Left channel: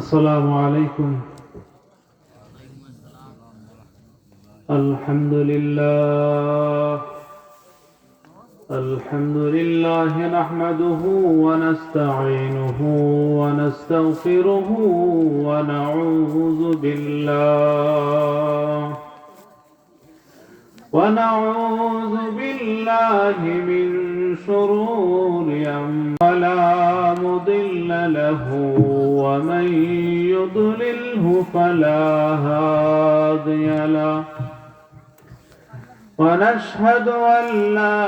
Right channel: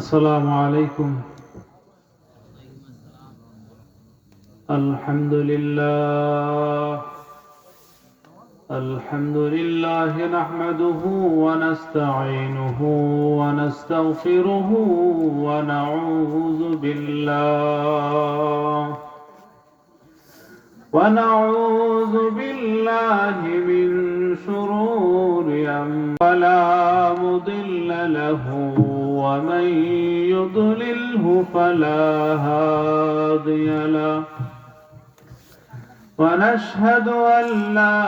السلام عليكم. الحمد لله نحمده ونستعينه ونستغفره ونعوذ بالله من شرور أنفسنا فلا مضل له ومن يضلله فلا هادي له ونشهد أن لا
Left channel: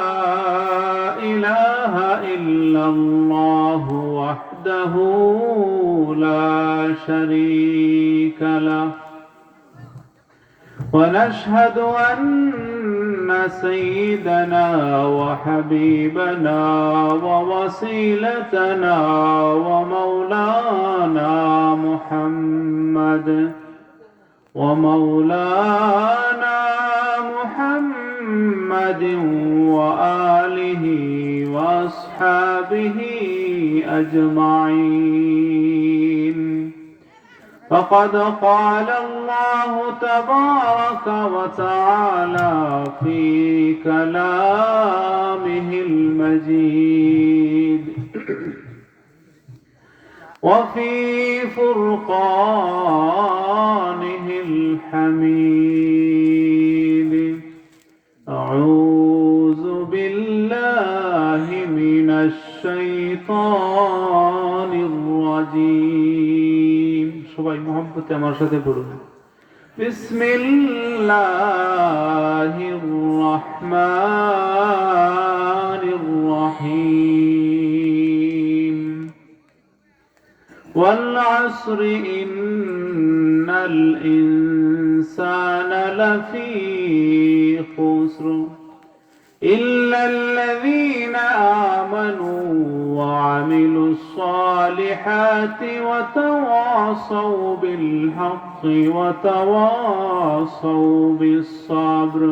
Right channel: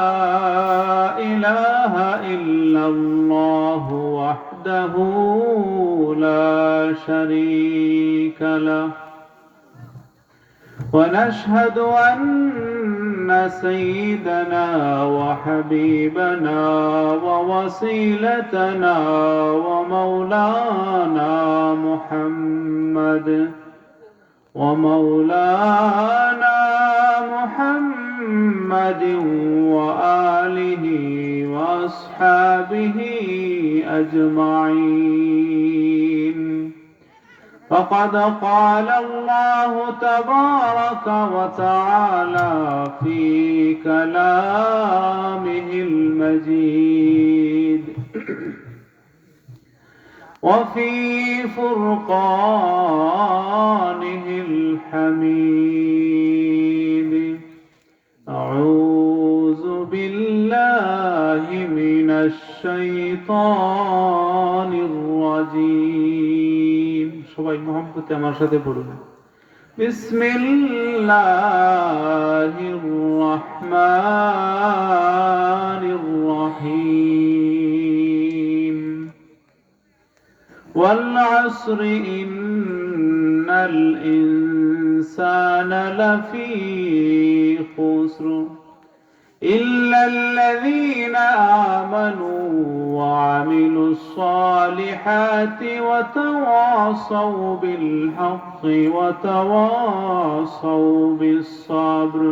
إله إلا الله وحده لا شريك له ونشهد أن سيدنا وحبيبنا ووسيلتنا ومولانا محمد وآله وأصحابه أجمعين. فقد قال الله تبارك وتعالى في كلامه المجيد وفي فرقانه الحميد. أعوذ بالله من الشيطان الرجيم. সবাই মহব্বতে আমার সাথে পড়ুন। বিসমিল্লাহির রহমানির রহিম। والعصر إن الإنسان لفي خسر إلا الذين آمنوا وعملوا الصالحات وتواصوا بالحق وتواصوا بالصبر.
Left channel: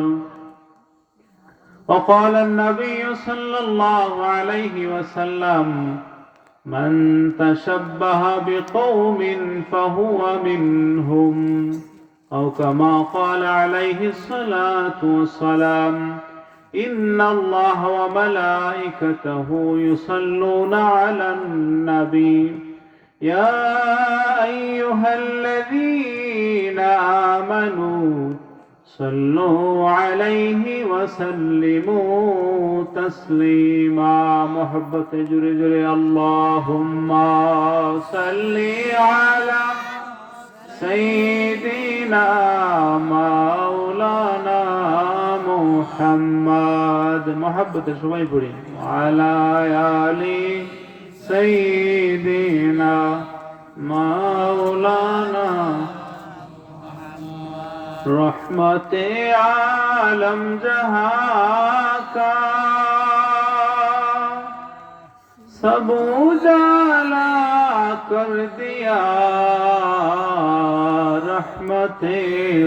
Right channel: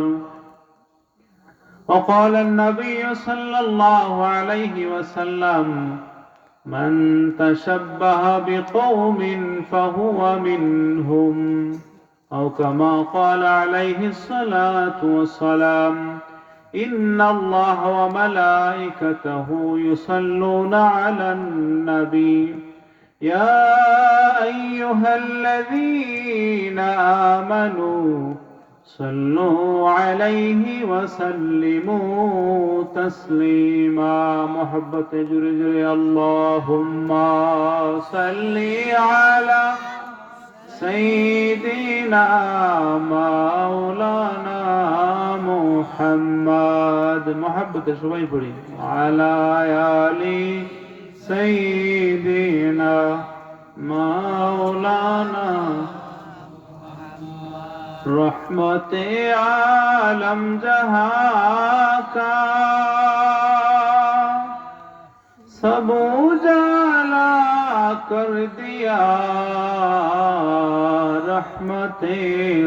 وقال النبي صلى الله عليه وسلم: من تشبه بقوم فهو منهم، أو كما قال عليه الصلاة والسلام: إن الله وملائكته يصلون على النبي يا أيها الذين آمنوا صلوا عليه وسلموا تسليما. محبت جري جري اللهم صل على سيدنا مولانا محمد. محبت সবাই পড়ি على آل سيدنا مولانا रहमत आलम जहां का सब उजाला कर दिया, रहमत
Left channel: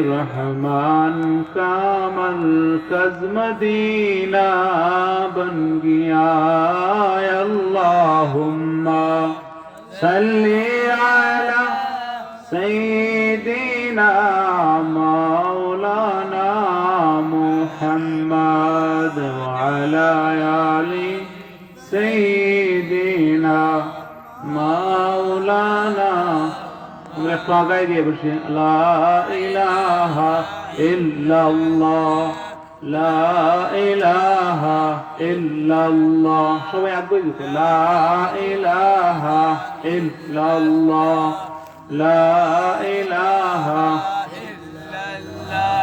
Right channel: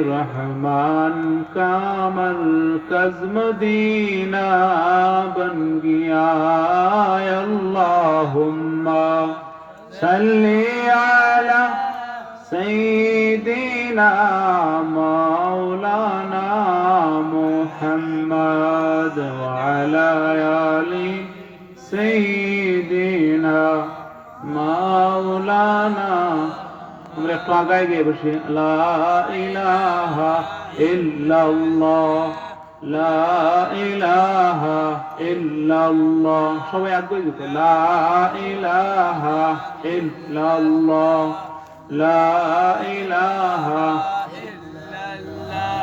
रहमान का मरकज मदीना बन गया। अल्लाहुम्मा सल्ली अला सय्यिदिना मौलाना मुहम्मद व अला आलि सय्यिदिना मौलाना। আমরা একটু আগায় গিয়ে বসি। লা ইলাহা ইল্লাল্লাহ, লা ইলাহা ইল্লাল্লাহ। সবাই আগে দিতে লা ইলাহা ইল্লাল্লাহ, لا إله إلا الله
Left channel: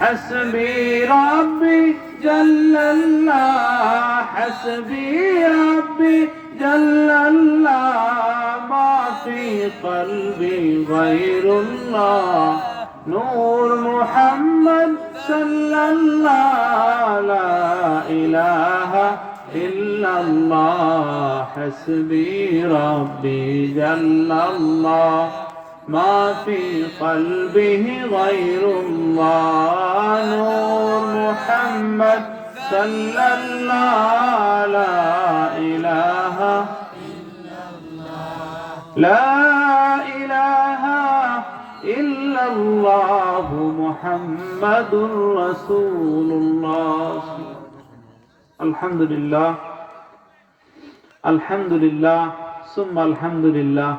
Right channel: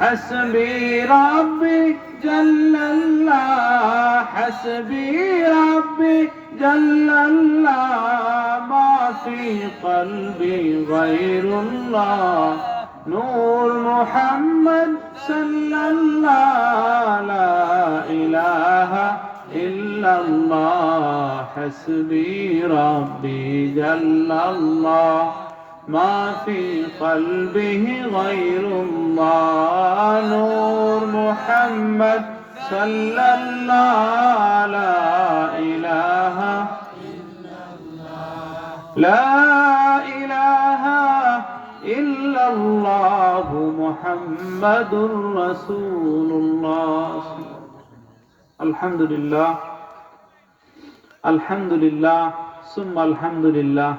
حسبي ربي جل الله، حسبي ربي جل الله ما في قلبي غير الله، نور محمد صلى الله لا إله إلا الله، حسبي ربي جل الله ما في قلبه غير الله، نور محمد صلى الله لا إله إلا الله، لا إله محمد رسول الله الحمد لله الحمد لله ثم الحمد لله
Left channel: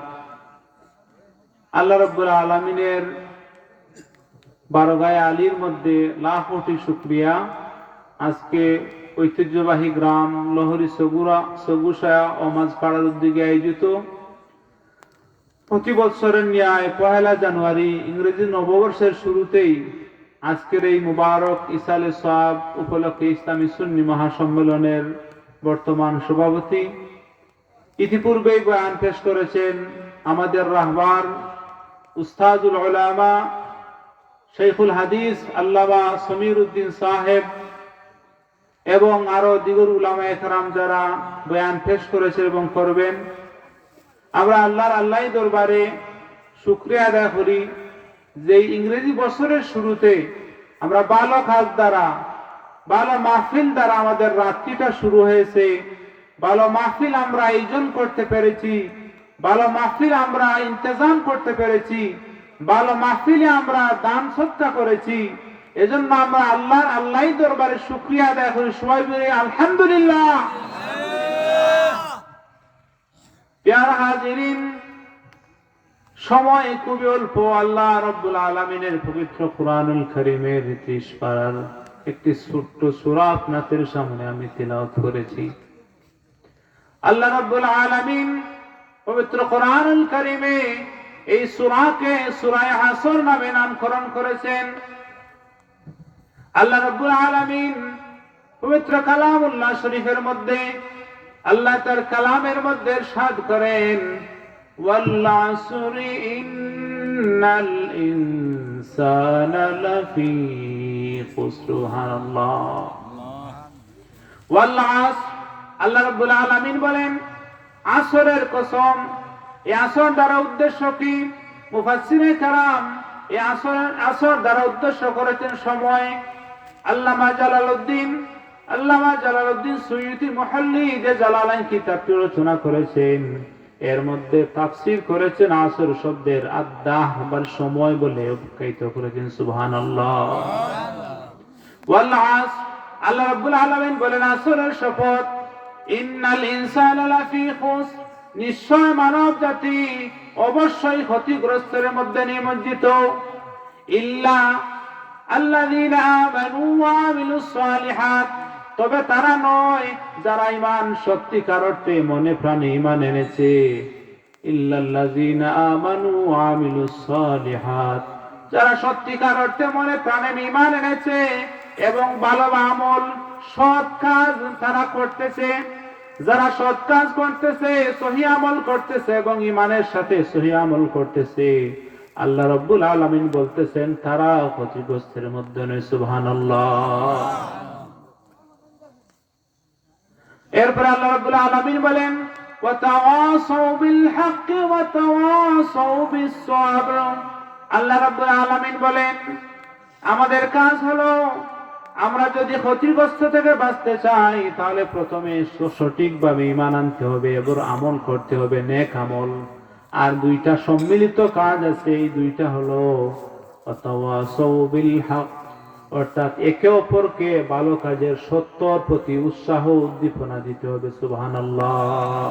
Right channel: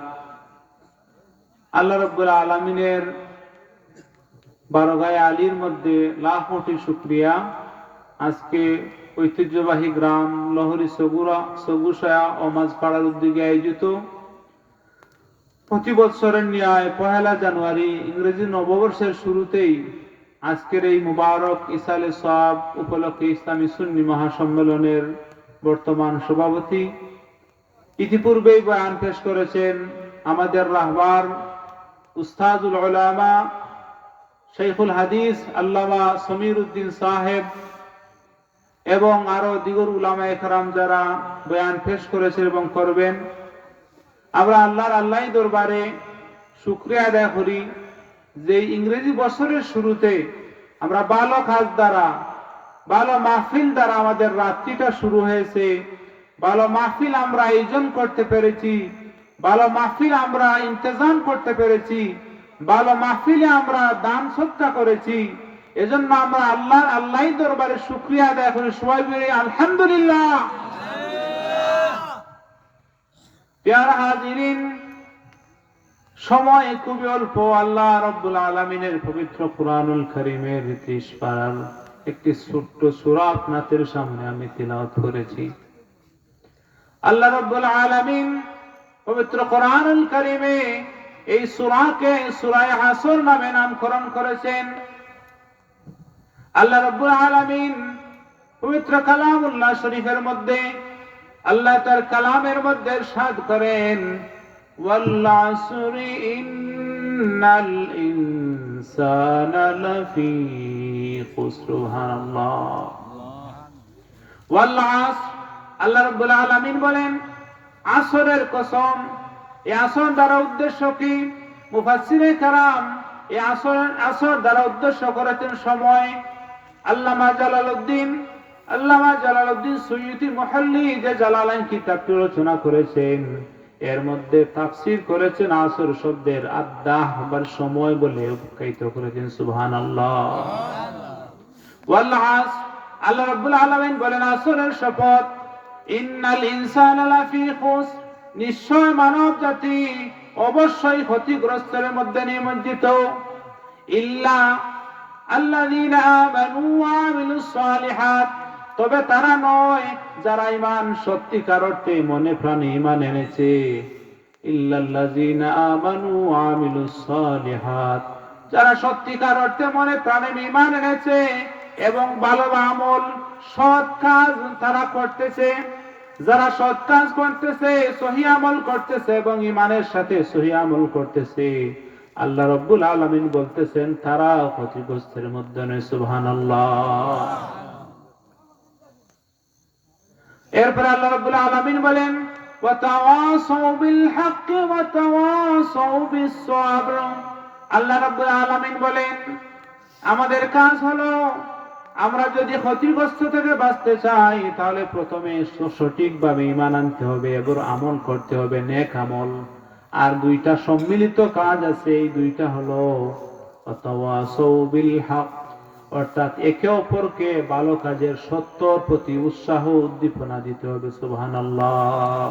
আল্লাহ রাব্বুল আলামিনের বারগায়ে আলীর মধ্যে লাখ কোটি শুকরিয়া। আজকে ঐতিহ্যবাহী গ্রাম লহরি সগুসায়া ও মাঝপাড়ার উদ্যোগে আয়োজিত প্রতি বছরের ন্যায় 1 জানুয়ারি ইংরেজি নববর্ষের শুরুতেই আজকের এই মুবারক ইসালে সওয়াব উপলক্ষে ইসলামী সুন্নি মহাসম্মেলনের বর্তমান সভাপতি ইতিপূর্বেই বয়ান পেশ করেছেন আমাদের রাহবার উস্তাদুল উলামা শাইখুল হাদিস আল্লামা সমীর উদ্দিন সাহেব এবং আরো দিগর উলামায়ে কেরাম যারা বয়ান পেশ করেছেন এবং করবেন। আমরা আল্লাহর দরবারে শুকরিয়া আদায় করি যে ইংরেজি বছরের শুরুতে আমরা ভালো কাজ দ্বারা ভালো মাহফিল দ্বারা আমাদের রাত্রিটা শুরু হয়েছে। ভালো মাহফিল আমরা আয়োজন করতে পেরেছি, ভালো মাহফিল আমরা ইন্তজাম করতে পেরেছি, ভালো মাহফিলে আমরা দান সৎকা করেছি। এজন্য আমরা আল্লাহর দরবারে শুকরিয়া আদায় করি। সবাই বলি আলহামদুলিল্লাহ। প্যারা হাজিরিন, সময় খুবই অল্প। আল্লাহ রাব্বুল আলামিনের পবিত্র কুরআনুল কারীমের 30 পারার একটি ছোট্ট সূরা আপনাদের সামনে আমি তিলাওয়াত করেছি। আল্লাহ রাব্বুল আলামিন পবিত্র কুরআনুল কারীমে এই সূরাকে সূরা আসর নামে নামকরণ করেছেন। আল্লাহ রাব্বুল আলামিন পবিত্র কালামুল্লাহ শরীফের মধ্যে আল্লাহ তার কালামের মধ্যে ইরশাদ করেন, ওয়াল আসরি ইন্নাল ইনসানা লাফি খুসর। সুবহানাল্লাহ। ওয়াল আসর, আল্লাহ রাব্বুল আলামিন বলেন আসরের কসম। এই আসর দ্বারা উদ্দেশ্য কি? মুফাসসিরে কেরাম এই আসর দ্বারা উদ্দেশ্য করেছেন সময়। আল্লামা জালালউদ্দিন সুয়ুতি মুহাল্লি যে জালালাইন কিতাবটি রচনা করেছেন এর মধ্যে তাফসীর করেছেন আসর শব্দের আদ-দাহ বা সময় বলে উল্লেখ করেছেন। সুবহানাল্লাহ। ওয়াল আসর, আল্লাহ রাব্বুল আলামিন বলেন আসরের শপথ, ইন্নাল ইনসানা লাফি খুসর, নিশ্চয় মানব জাতি অবশ্যই ক্ষতিগ্রস্তের মধ্যে নিমজ্জিত। ইল্লা আল্লাযীনা আমানু ওয়া আমিলুস সালিহাত, তবে তারা নয় যারা ঈমান সত্যিকার অর্থে মনে প্রাণে ঈমান এনেছে। ইল্লাল্লাযীনা আমানু ওয়া আমিলুস সালিহাত, যারা সত্যিকার অর্থে মনে প্রাণে ঈমান এনেছে এবং ভালো আমল সৎ কাজ তারা করতেছে। যারা সৎ কাজ করতেছে, সহিহ আমল করতেছে এবং ঈমানের সাথে সহিহ আমল করতেছে, আল্লাহ রাব্বুল আলামিন বলতেছেন তারা ক্ষতিগ্রস্তের মধ্যে নয়। সুবহানাল্লাহ। এরপর আল্লাহ রাব্বুল আলামিন বলেন, ওয়া তাওয়াসাউ বিল হাক্কি ওয়া তাওয়াসাউ বিস সাবর। আল্লাহ রাব্বুল আলামিন বলেন আমাদের কাজ হলো আমরা যদি ক্ষতিগ্রস্ত থেকে বাঁচতে চাই তাহলে প্রথমে সঠিকভাবে ঈমান আনতে হবে এবং আমল করতে হবে, নেক আমল। আর দুইটা সম্মিলিত কাজ আছে, এই দুইটা হলো ওয়াতাওয়াসাউ বিল হক, অর্থাৎ একে অপরকে ভালো কাজের সত্যর প্রতি উৎসাহ উদ্দীপনা দিতে হবে। সুবহানাল্লাহ।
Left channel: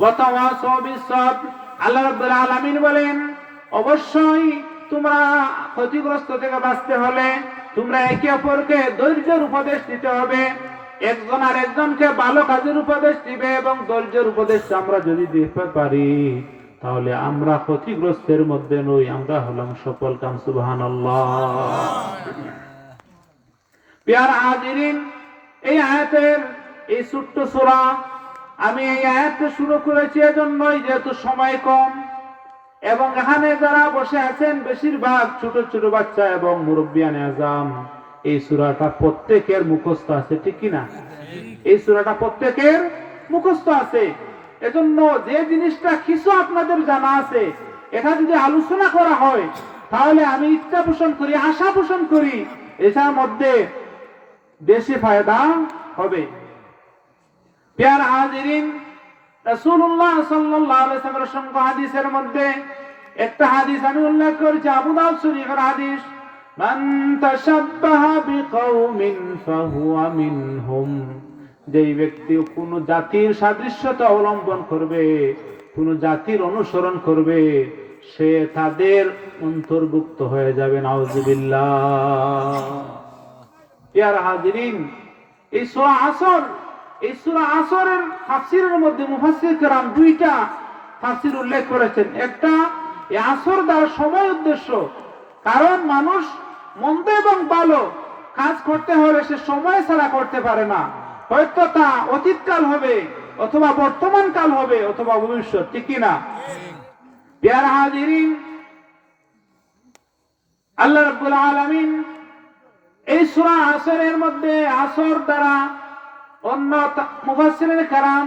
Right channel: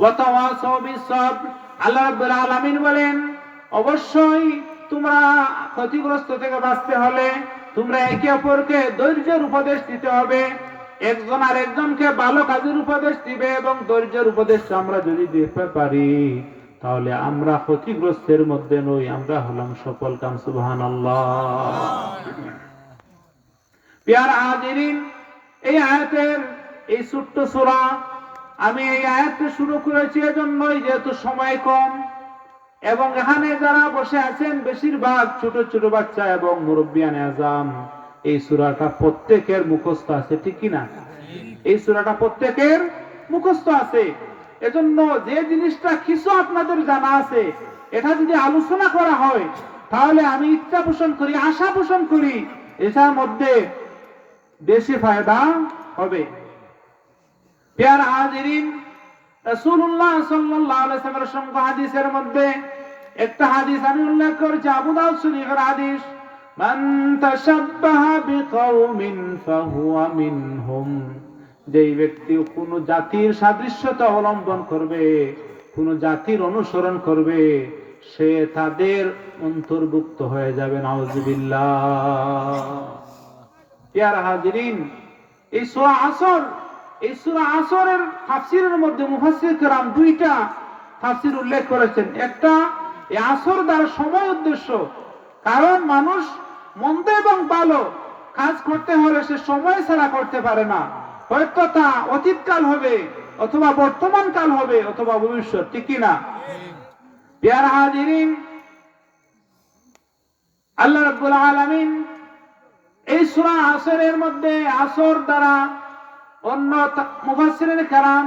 ওয়াতাওয়াসাউ বিস সাবর, আল্লাহ রাব্বুল আলামিন বলেন অবশ্যই তোমরা ক্ষতিগ্রস্ত থেকে বাঁচতে হলে তোমরা একে অপরকে ধৈর্যের উপদেশ দিতে হবে। একজন আর একজনকে ভালো কাজের উপদেশ দিবে এবং ধৈর্যের উপদেশ আমরা যদি দিতে পারি তাহলে আমরা ক্ষতিগ্রস্তের মধ্যে নই, আমরা হলাম সফল কাম। সুবহানাল্লাহ। প্রিয় হাজিরিন, এই আয়াতের এই ছোট্ট সূরা আমি এই আয়াতটা শুরু করেছি এজন্যই যেহেতু সময় কম এবং এখানে যারা বসে আছেন বেশিরভাগ ছোট ছোট বাচ্চা এবং মুরব্বিয়ানে আজম। এই সূরাটা প্রত্যেকের মুখস্থ আছে, ঠিক কি না? এই সূরাটা প্রত্যেকের মুখস্থ আছে। এজন্য যে জিনিসটা কিছু আপনাদের জানা আছে এটা যদি আলোচনা করা হয় তাহলে আমি ইচ্ছা পোষণ করি, আশা পোষণ করি এটার মধ্যে বেশি ফায়দা হবে। প্রিয় হাজিরিন, রাসূলুল্লাহ সাল্লাল্লাহু আলাইহি ওয়াসাল্লামের হাদিসের মধ্যে একটা হাদিস আমি উল্লেখ করেছি, আবু দাউদ শরীফের হাদিস। মান তাশাব্বাহা বিকাওমিন ফাহুয়া মিনহুম, যেই ব্যক্তি কোন জাতির সাদৃশ্যতা অবলম্বন করবে, কোন জাতির অনুসরণ করবে, সে তাদের অন্তর্ভুক্ত হয়ে যাবে। নাউযুবিল্লাহ। ইয়ার হাজিরিন, এই সূরা আসরের তাফসীরের মধ্যে মুফাসসির কেরাম দুইটা তাফসীর উল্লেখ করেছেন। একটা, এই আসর দ্বারা সময় উদ্দেশ্য, কারণ মানুষ মন্দ এবং ভালো কাজ করতে হলে সে সময় ছাড়া করতে পারে না। হয়তো তা অতীতকাল হবে, অথবা বর্তমান কাল হবে, অথবা ভবিষ্যৎ, ঠিক কিনা? ইয়ার হাজিরিন, আল্লাহ রাব্বুল আলামিন এই সূরা আসরের মধ্যে আসর দ্বারা, অন্য মুফাসসিরিন কেরাম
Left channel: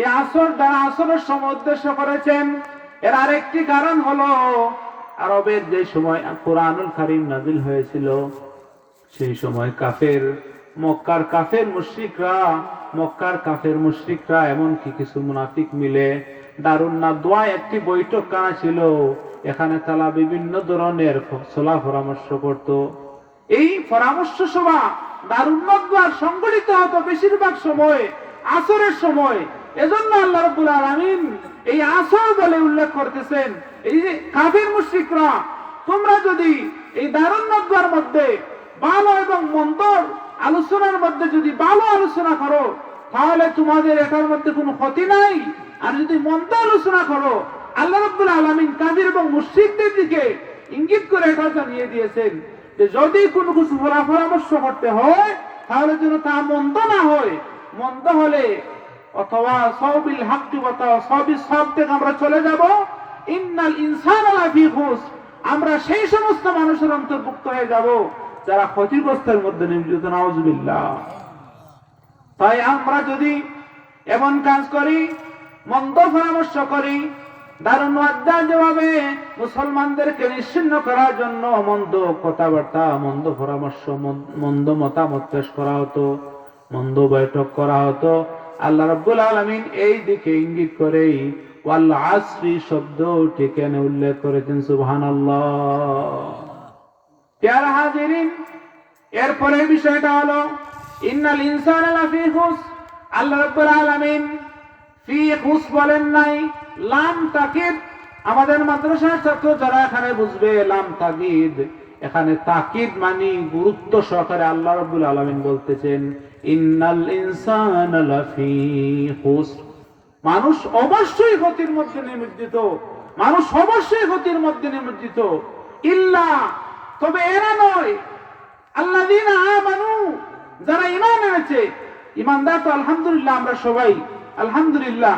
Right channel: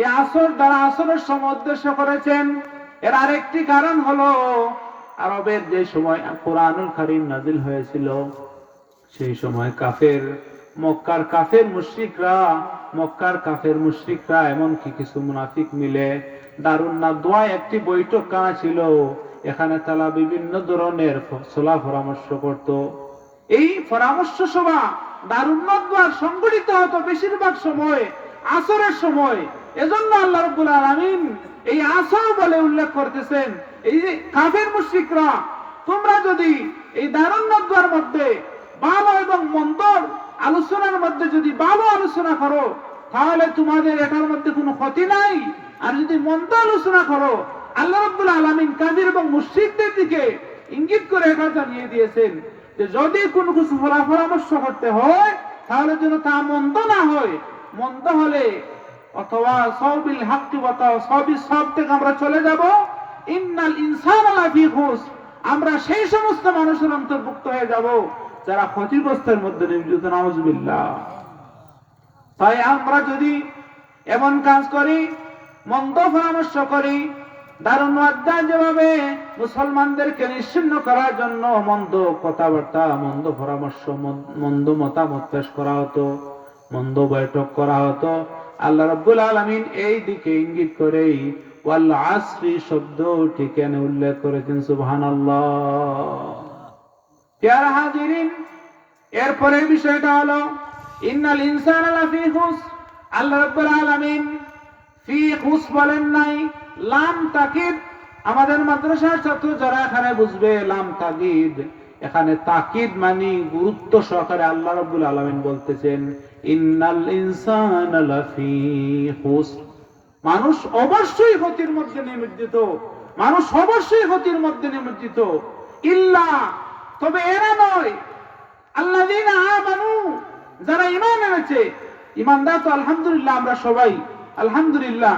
এই আসর দ্বারা আসরের সময় উদ্দেশ্য করেছেন। এর আরেকটি কারণ হলো, আরবের যে সময় কোরআনুল কারীম নাযিল হয়েছিল, সেই সময় মক্কার কাফের মুশরিকরা এমনকি কিছু মুনাফিক মিলে দারুন নাদওয়া একটি বৈঠকখানা ছিল। এখানে তারা বিভিন্ন ধরনের সলাহ পরামর্শ করত। এই পরামর্শ সভা দারুন নাদওয়ার সংগঠিত হতো বেশিরভাগ সময় আসরের সময়। এজন্য আল্লাহ রাব্বুল আলামিন এই আসর বলে উল্লেখ করতেছেন, এই যে কাফের মুশরিকরা, তোমরা যদি এই দারুন নাদওয়ার মধ্যে ভালো এবং মন্দর আলোচনার মধ্যে যদি ভালো আলোচনা করো, তাহলে তোমাদের এটার মধ্যে কোনো ক্ষতি নাই। আর যদি মন্দ আলোচনা করো, আল্লাহ রাব্বুল আলামিন কাফির এবং মুশরিকদের দিকে ইঙ্গিত করে এটা জানিয়ে দিয়েছেন যে যদি কোনো কিছু পরামর্শ করতে হয়, তাহলে যেন তা মন্দ না হয়। মন্দ হলে অথবা সাবিল হাক্কি ওয়া সাবিস সাব থেকে আমরা চলে যাব, ইন্নাল ইনসানা লাফি খুসর, আমরা সেই সমস্ত মানুষের অন্তর্ভুক্ত হয়ে যাব যারা ক্ষতিগ্রস্তের মধ্যে নিয়োজিত। নাউযুবিল্লাহ। তাই আমরা যদি এমন কাজ করি, মন্দ পরামর্শ করি, দারুন ওয়াদা যেভাবে মুসলমানদেরকে নিশ্চিহ্ন করার জন্য মন্দ কথাবার্তা, মন্দ পরামর্শ, মন্দ মতামত পেশ করা হতো, মন্দ বৈঠক করা হতো, আল্লাহ রাব্বুল আলামিন এই দিকে ইঙ্গিত করেই ওয়াল আসরি শব্দটি কেন উল্লেখ করেছেন? সুবহানাল্লাহ। প্যারা হাজিরিন, এরপরের বিষয়টা হলো ইন্নাল ইনসানা লাফি খুসর। আল্লাহ রাব্বুল আলামিন ফি খুসর বলেন নাই, লাম তাকিদ। আমাদের মাদ্রাসার ছাত্র যারা এখানে বুঝবে, লাম তাকিদ, এখানে তাকিদ মানে গুরুত্ব সহকারে আল্লাহ রাব্বুল আলামিন বলতেছেন ইন্নাল ইনসানা লাফি খুসর। মানুষ অবশ্যই ক্ষতির মধ্যে নিমজ্জিত, মানুষ অবশ্যই ক্ষতির মধ্যে নিমজ্জিত। ইল্লা, তবে এরা নয়, আল্লাযীনা আমানু, যারা ঈমান এনেছে। ঈমানদার তো আলহামদুলিল্লাহ আমরা সবাই, আলহামদুলিল্লাহ,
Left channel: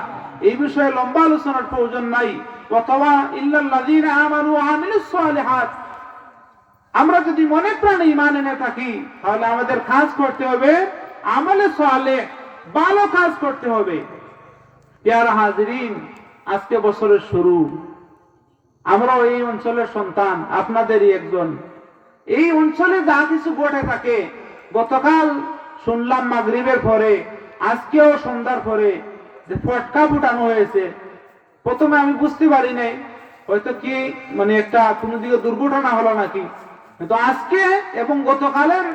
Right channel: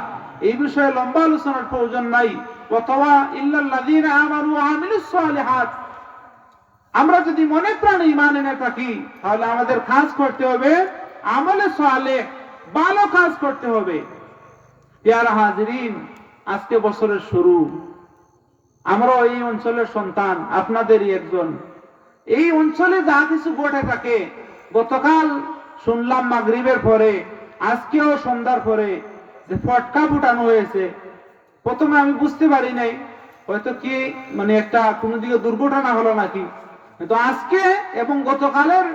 এই বিষয়ে লম্বা আলোচনার প্রয়োজন নাই। অথবা ইল্লাল্লাযীনা আমানু ওয়া আমিলুস সালিহাত, আমরা যদি মনে প্রাণে ঈমান এনে থাকি, তাহলে আমাদের কাজ করতে হবে আমলে সালেহ, ভালো কাজ করতে হবে। প্যারা হাজিরিন, আজকে বছরের শুরু, আমরাও এই অঞ্চলের সন্তান, আপনাদেরই একজন। এই অঞ্চলে যা কিছু ঘটে থাকে, গতকাল শুনলাম মাগরিবের পরে, আজকেও সন্ধ্যার পরে যে ফটকা ফুটানো হয়েছে, প্রথমে আমি বুঝতে পারি নাই, হয়তো কি মানে একটা কোনো দিকে দুর্ঘটনা হলো নাকি। কিন্তু আজকে এবং গতকালের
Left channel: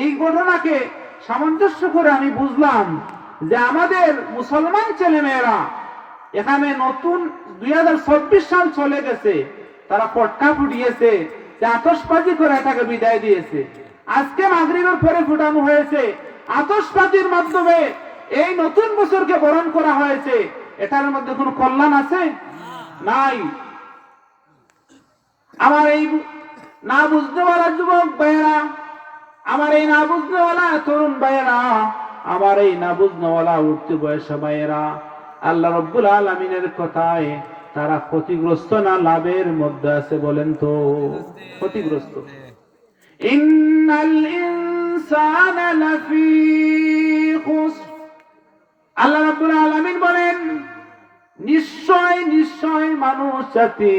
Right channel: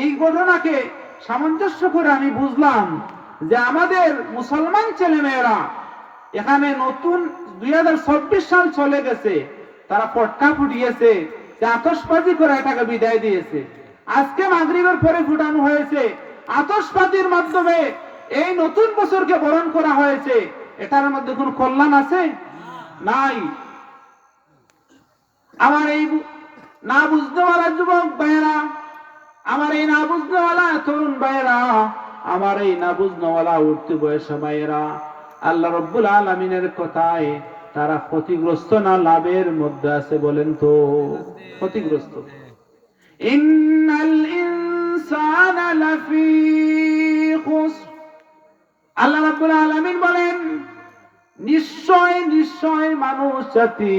এই ঘটনাকে সামঞ্জস্য করে আমি বুঝলাম যে আমাদের মুসলমান ছেলেমেয়েরা এখানে নতুন 2024 সাল চলে গেছে, তারা ফটকা ফুটিয়েছে, আতশবাজি করে এটাকে বিদায় দিয়েছে। আজকে মাগরিবের পরে ফুটানো হয়েছে, আতশবাজির মাধ্যমে এই নতুন বছরকে বরণ করা হয়েছে। এটার মধ্যে কোনো কল্যাণ আছে? নাই। আমার এই না বুঝতেওয়ালা যুবক ভাইয়েরা, আমার এই না বুঝতেওয়ালা তরুণ ভাইয়েরা, আমার এই না বুঝনেওয়ালা উঠতি বয়সী ভাইয়েরা, আল্লাহ রাব্বুল আলামিনের কথায় তারা ক্ষতিগ্রস্ত না লাভের মধ্যে আছে? বলেন তো, ক্ষতিগ্রস্ত। ইন্নাল ইনসানা লাফি খুসর, আল্লাহ রাব্বুল আলামিন বলেন নিশ্চয় নিশ্চয় মানুষ জাতি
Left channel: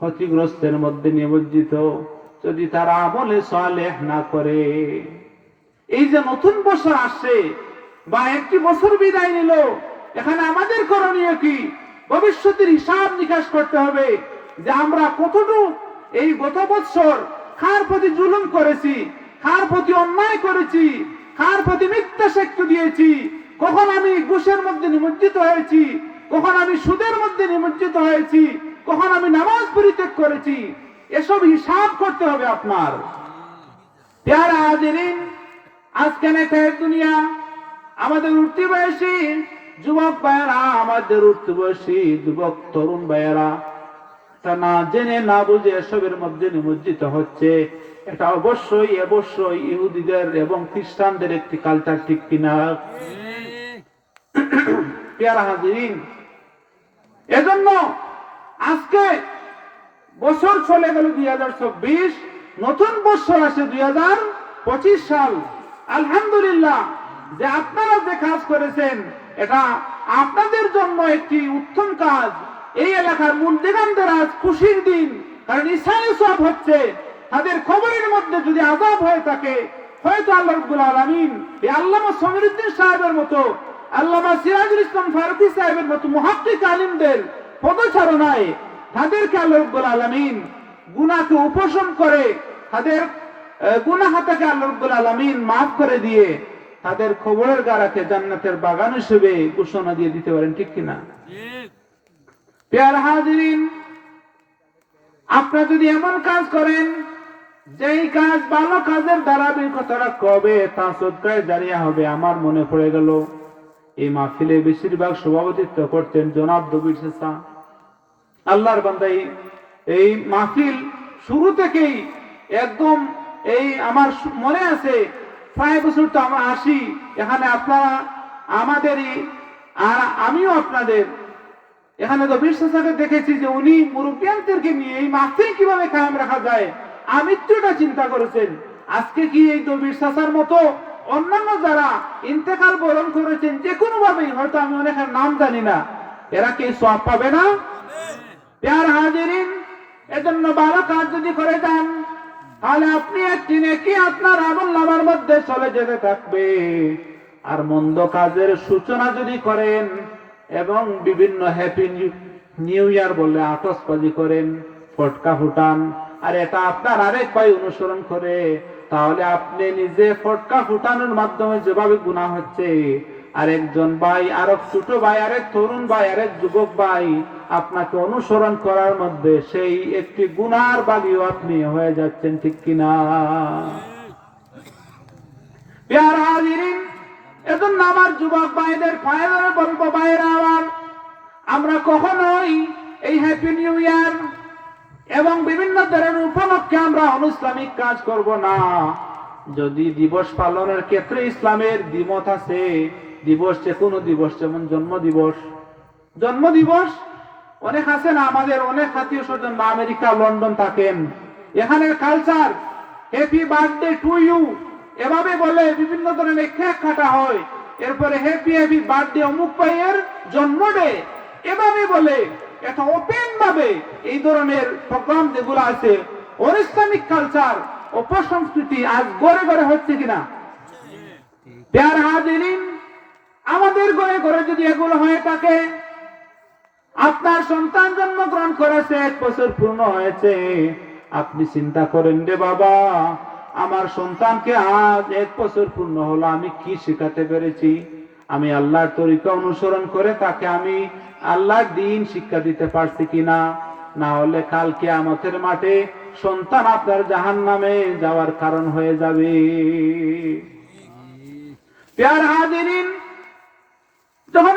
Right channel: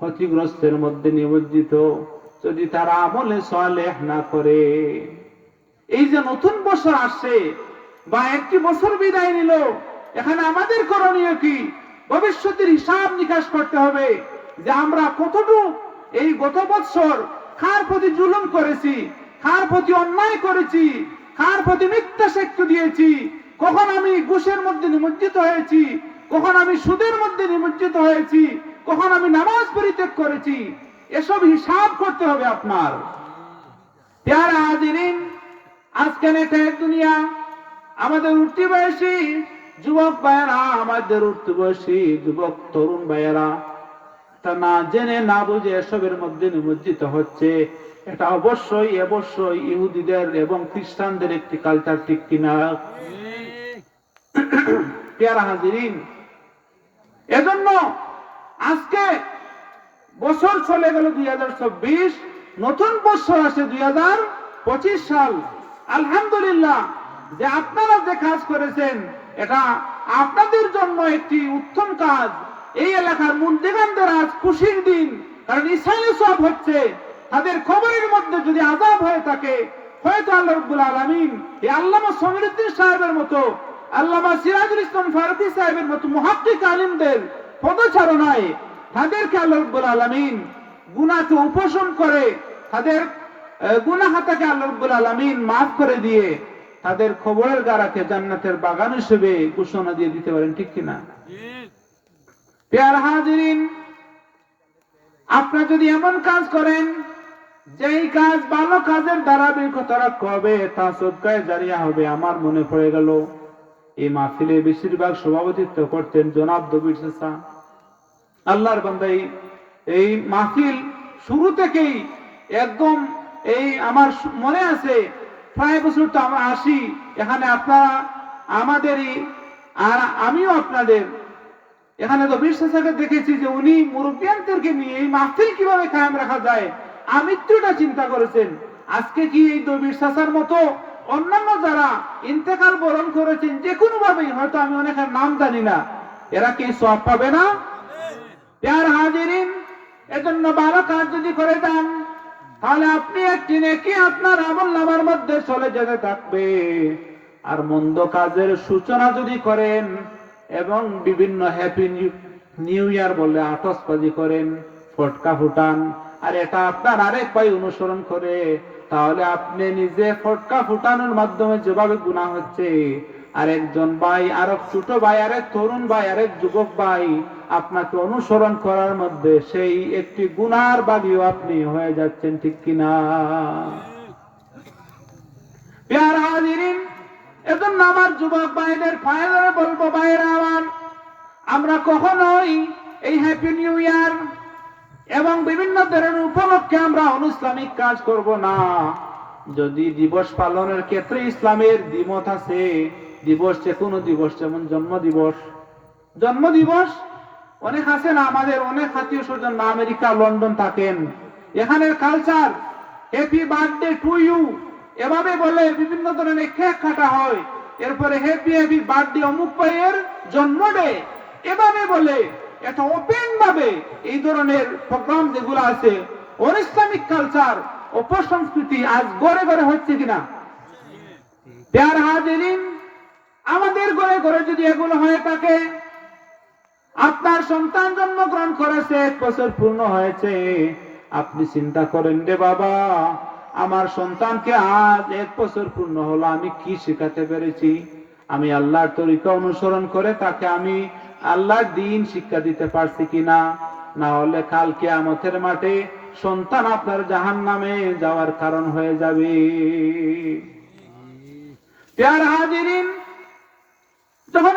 ক্ষতিগ্রস্তের মধ্যে নিমজ্জিত, যদি তারা আমলে সালেহ না করে। এই যে নতুন বছর আসছে বা একটি বছর বিদায় নিল, এখানে আমাদের করণীয় কি? ভবিষ্যতের হিসাব নিকাশ করতে হবে যে আমরা কতটুকু এই গত বছর কার প্রতি জুলুম করেছি, কার প্রতি অন্যায় করেছি, কার প্রতি মিথ্যা সাক্ষ্য দিয়েছি, কখন আমি ঘুষের মধ্যে নিমজ্জিত হয়েছি, কখন আমি সুদের মধ্যে নিমজ্জিত হয়েছি, কখন আমি নামাজ পরিত্যাগ করেছি, এসব হিসাব করতে হবে আপনার। প্যারা হাজিরিন, আজকে নেটের দুনিয়া, আমাদের উঠতি বয়সী যুবক ভাইয়েরা, আমাদের উঠতি বয়সী যুবক তরুণ ভাইয়েরা তা না জেনে না বুঝে এসবের মধ্যে নিমজ্জিত হচ্ছে। এটা অবশ্যই ইহুদিদের এবং খ্রিস্টানদের একটি কালচার, ঠিক কিনা? প্যারা হাজিরিন, এজন্য আজকে বছর চলে গেল 2024, নতুন বছর আসে 2025 সাল। আলহামদুলিল্লাহ যে আপনারা যে কাজ করেছেন এটা আপনাদের জন্য একটি উত্তম কাজ। এই এলাকার মুন্দিগানদের আজ খুশির দিন, কারণ ঈসাই সব হচ্ছে। তাদের খবরের মধ্যে যদি আযাব হয়ে থাকে, হয়তো আল্লাহ রাব্বুল আলামিন এই আল্লামা সমীরউদ্দিন সাহেবের মতো, আল্লামা সিরাজুল ইসলাম ফারুকী সাহেবের মতো মুহাক্কিক আলিমদের পদচারণায় তাদেরকে আল্লাহ রাব্বুল আলামিন গুনাহকে উপশম করে, তাদের গুনাহটাকে আল্লাহ রাব্বুল আলামিন মাফ করে দিয়ে তাদের খবরের গারাকে জান্নাতের বাগান হিসেবে ঘোষণা দিয়ে দিতে পারেন, ঠিক কিনা? প্যারা হাজিরিন, আপনারা যদি এমন কাজ করেন যেই কাজ ভালো কাজের ধারাবাহিকতা কবে তা সদকায়ে জারিয়া হবে। আমার মনে পড়ে গেল এই মাহফিলে বেশিরভাগ সভাপতিত্ব করতেন জনাব দবির চাচা। আল্লাহর বান্দা, এই মাহফিল শুরু থেকেই একদম এই আমার মনে আছে, প্রায় বছর তো আমরা আসি এখানে, আপনারা আমাদেরই আর আমিও আপনাদের এখানে দবির চাচাকে দেখেছি যে উনি মুরব্বিয়ানদেরকে নিয়ে এই মাহফিল কিভাবে কায়েম রাখা যায় আমৃত্যুটা চিন্তা করেছেন। আজকে কি এই দবির চাচার মতো অন্যান্য যারা ইন্তেকাল বরণ করেছেন যে কোনো ভাবেই, হয়তো আমি অনেকের নাম জানি না, এরা কি সওয়াব পাবে না? প্যারা হাজিরিন, এজন্য ভালো কাজ যদি করে দেন তাহলে আপনি একটি নেকি আপনার আমলনামার মধ্যে চলে যেতে থাকবে। আর মন্দ কাজের সূচনা যদি করেন এবং বিভিন্ন হ্যাপি নিউ ইয়ার বলে আতশবাজি করেন, ফটকা ফুটান, আর এটা আপনার আরেক ভাই অনুসরণ করে, তাহলে আপনি নিজে ফটকা ফুটানোর মাধ্যমে যেভাবে গুনাহ হচ্ছে, আরেকজন ভাই, আরেক ছোট ভাই, আরেক তরুণ ভাই, আরেক যুবক ভাই আপনাকে অনুসরণ করার মধ্যে সেই একটি গুনার বাগীও আপনি হয়ে যাচ্ছেন, ঠিক কিনা? প্যারা হাজিরিন, এজন্য আমার যুবক ভাইদের ফায়দারে বলবো, ভাইরা আমার, আমরা কখনোই এই হ্যাপি নিউ ইয়ার এবং বিভিন্ন ধরনের উপলক্ষে আমরা অনুইসলামিক কাজ করব না। যদি দিবস পালনের ক্ষেত্রে ইসলামের দ্বিমত আছে, দিবস যে কোনো দিবস, যেমন জন্ম দিবস অনেক আছে না, আমাদের অনেক আত্মীয় স্বজন আমেরিকা লন্ডন থাকেন, এখানে culture happy birthday to you এভাবে বলে, বিভিন্ন ধরনের কেক কাটা হয়, এরপরে হ্যাপি বার্থডে অমুক ভাইয়ের জন্মডে এভাবে বলে, এটা ওপেন ভাবে এই ধরনের প্রোগ্রাম যেগুলো আছে, অনিসলামিক কালচার, অপসংস্কৃতি আজ ঘরে ঘরে হচ্ছে কিনা? প্যারা হাজিরিন, আমাদের ঘরে ঘরে যদি এগুলো হয়ে থাকে, আপনার সন্তান জন্মগ্রহণ করেছে, 1 বছর পূর্ণ হয়েছে, আপনি চিন্তা করেন, রে বাবা, আমার সন্তানকে আজ 1 বছর পূর্ণ হলো, আমি কি শেখাতে পেরেছি? আমি আল্লাহর তরিকা অনুসরণ করে তাকে আমি আল্লাহর দ্বীন শিক্ষা দিতে পারছি কিনা? না হলে কাল কিয়ামতের মাঠে সন্তান আপনার জাহান্নামে যাওয়ার কারণ হয়ে যাবে। প্যারা হাজিরিন, যখন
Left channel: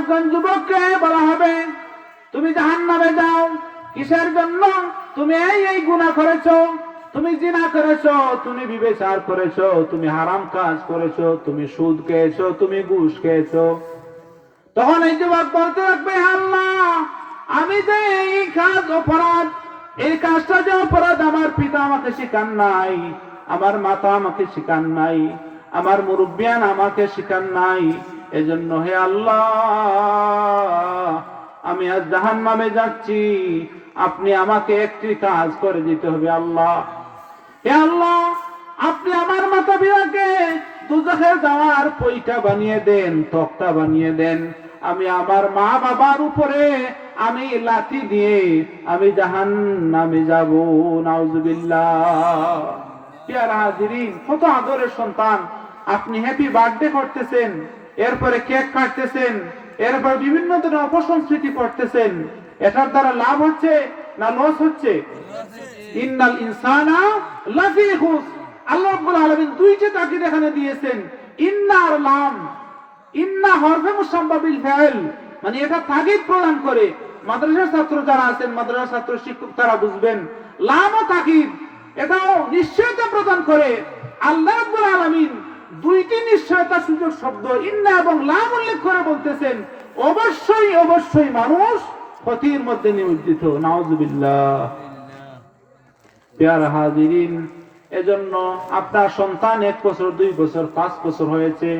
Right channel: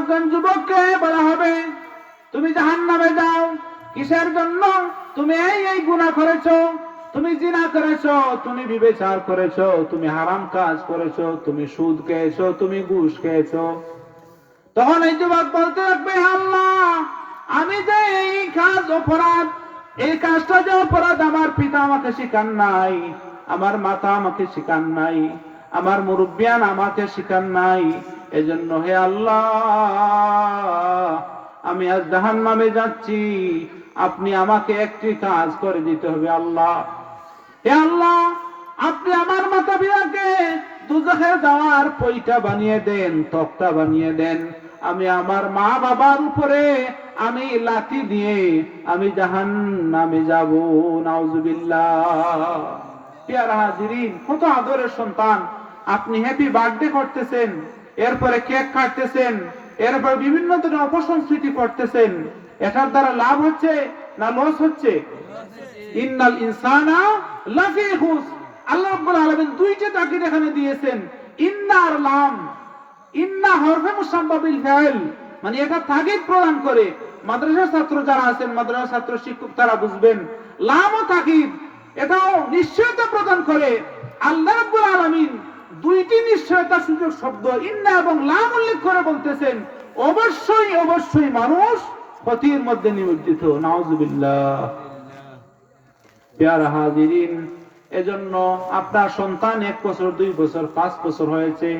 একজন যুবককে বলা হবে তুমি জাহান্নামে যাও, কিসের জন্য? তুমি এই গুনাহ করেছো, তুমি জিনা করেছো, তুমি ব্যভিচার করেছো, তুমি হারাম কাজ করেছো, তুমি সুদ খেয়েছো, তুমি ঘুষ খেয়েছো। তখন এই যুবক বলতে থাকবে, আল্লাহ, আমি যে এই কাজটা যে অপরাধ, আমার পিতা আমাকে শিখান নাই, আমার মাতা আমাকে শিখান নাই, আমার মুরব্বিয়ান আমাকে শিখান নাই, এজন্য হে আল্লাহ, আমি আজ জাহান্নামে যাচ্ছি, আপনি আমাকে একটি কাজ করে দিতে হবে। আল্লাহ, হে আল্লাহ, আপনি আমার মাতা পিতাকে দুজখে যাওয়ার পৈটা বানিয়ে দেন, তক্তা বানিয়ে দেন, আমি আমার মা বাবার উপরে আমি লাঠি দিয়ে আমি জাহান্নামে যাব, নাউজুবিল্লাহ। প্রিয় হাজিরিন, কত আদরের সন্তান, আপনি হ্যাপি বার্থডে করতেছেন, এরপরে কেক কাটতেছেন, এরপর বিভিন্ন ধরনের অপসংস্কৃতি করতেছেন, এটার দ্বারা লাভ হচ্ছে না লস হচ্ছে? ইন্নাল ইনসানা লাফি খুস। আল্লাহ রাব্বুল আলামিন দুইটা তাকিদ এখানে দিয়েছেন, ইন্না আর লাম। ইন্না হরফে মুসাম্মা বিল ফাইল, মানে এটা তাকিদ প্রদান করে। মাদ্রাসার ছাত্র যারা আছেন, মাদ্রাসার ছাত্র শিক্ষক তারা বুঝবেন, লাম ও তাকিদ এটাও নিশ্চয়তা প্রদান করে। আল্লাহ রাব্বুল আলামিন দুইটি নিশ্চয়তা সূচক শব্দ ইন্না এবং লাম উল্লেখ করে বলতেছেন, অবশ্যই অবশ্যই মানুষ ক্ষতির মধ্যে নিমজ্জিত, নাউজুবিল্লাহ। প্রিয় হাজিরিন, এজন্য আপনার সন্তান 1 বছর 2 বছর 5 বছর হয়েছে,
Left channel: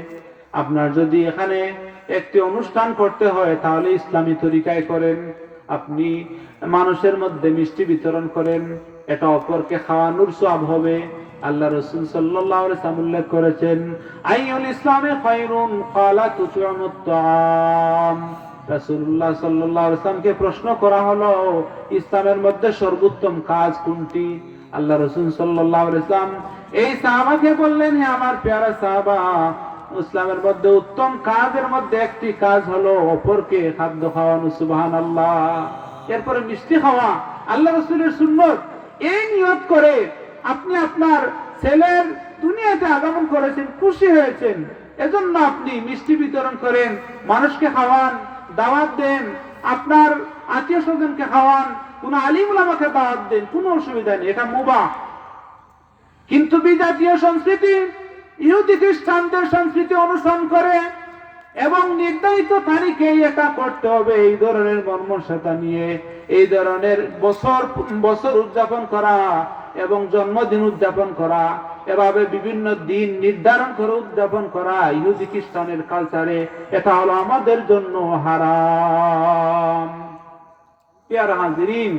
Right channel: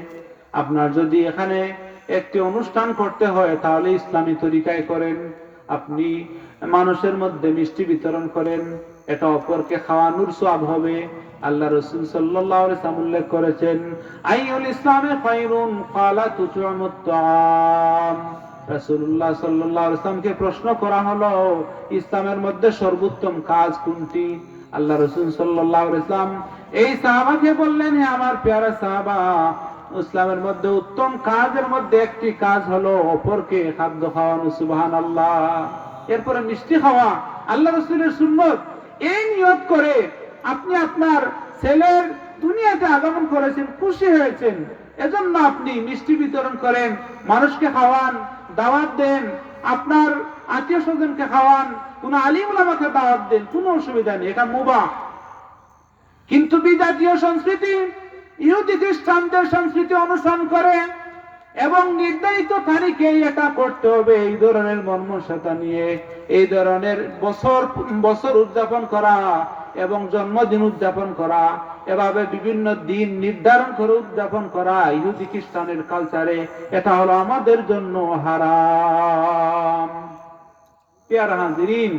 আপনার যদি এখানে একটি অনুষ্ঠান করতে হয় তাহলে ইসলামী তরিকায় করেন। আপনি মানুষের মধ্যে মিষ্টি বিতরণ করেন, এটা অপরকে খাওয়ানোর সওয়াব হবে। আল্লাহ রাসূল সাল্লাল্লাহু আলাইহি ওয়াসাল্লাম উল্লেখ করেছেন, আইয়ুল ইসলামে খায়রুন ক্বালা তুত'আমুত তাআম। রাসূলুল্লাহ সাল্লাল্লাহু আলাইহি ওয়াসাল্লামকে প্রশ্ন করা হলো, ইসলামের মধ্যে সর্বোত্তম কাজ কোনটি? আল্লাহ রাসূল সাল্লাল্লাহু আলাইহি ওয়াসাল্লাম এই সাহাবাকে বললেন, হে আমার প্যারা সাহাবা, ইসলামের মধ্যে উত্তম কাজের মধ্যে একটি কাজ হলো অপরকে খাদ্য খাওয়ানো, সুবহানাল্লাহ। এরপরে মিষ্টি খাওয়া আল্লাহ রাসূলের সুন্নত। এই নিয়ত করে আপনি আপনার ছেলের দুনিয়াতে আগমন করেছেন, খুশি হয়েছেন, এজন্য আপনি মিষ্টি বিতরণ করেন, মানুষকে খাওয়ান, দাওয়াত দেন, আপনার আত্মীয় স্বজনকে খাওয়ান, কোন আলিম উলামাকে দাওয়াত দেন, কোনো অসুবিধা নেই, এটা মুবাহ। কিন্তু বিজাতীয় সংস্কৃতি, ইহুদি খ্রিস্টানদের সংস্কৃতি অনুসরণ করে এবং নির্ধারিত তারিখে এটা করতে হবে, এই ধরনের মর্মসতা নিয়ে এই ধরনের বছর উদযাপন করা এবং জন্মদিন উদযাপন করা, এভাবে বিভিন্ন দিন নির্ধারণ করে উদযাপন করা ইহুদি খ্রিস্টানের কালচারে, এটা হলো আমাদের জন্য হারাম। প্রিয় হাজিরিন,